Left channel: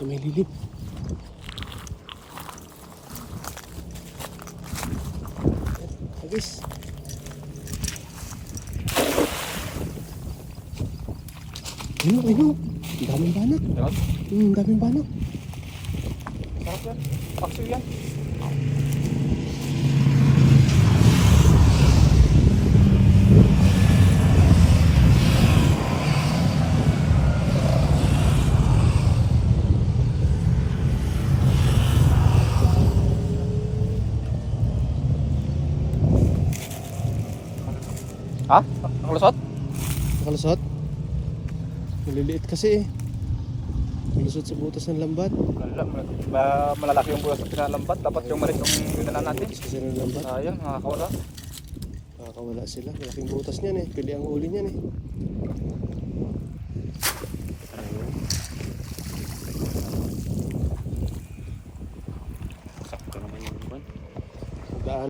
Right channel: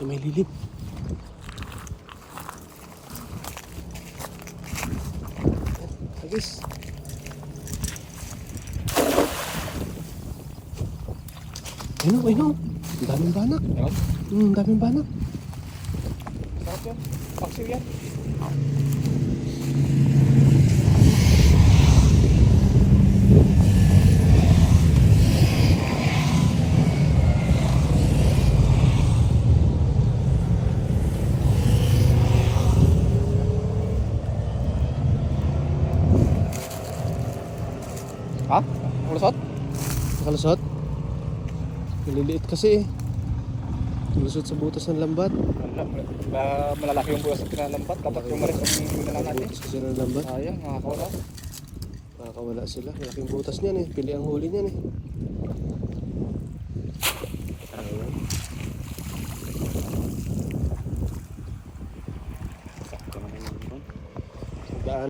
Sa may lilim. Agis. Ayun, ayun. Ang daming banak. Ang daming banak. Sarap yan. Paksil yan. Ha? Nakalusot? Nakalusot? Maliliit kasi eh. Malusot sa butas ng lambat. Malalaki yung buwas na pinalambat. Dapat yung malik yung dala natin. Butas kasi ng lambat. Sayang, nakakawala. Nakakawala sila. Malaking butas niyan eh. Pili ang huli niyan eh.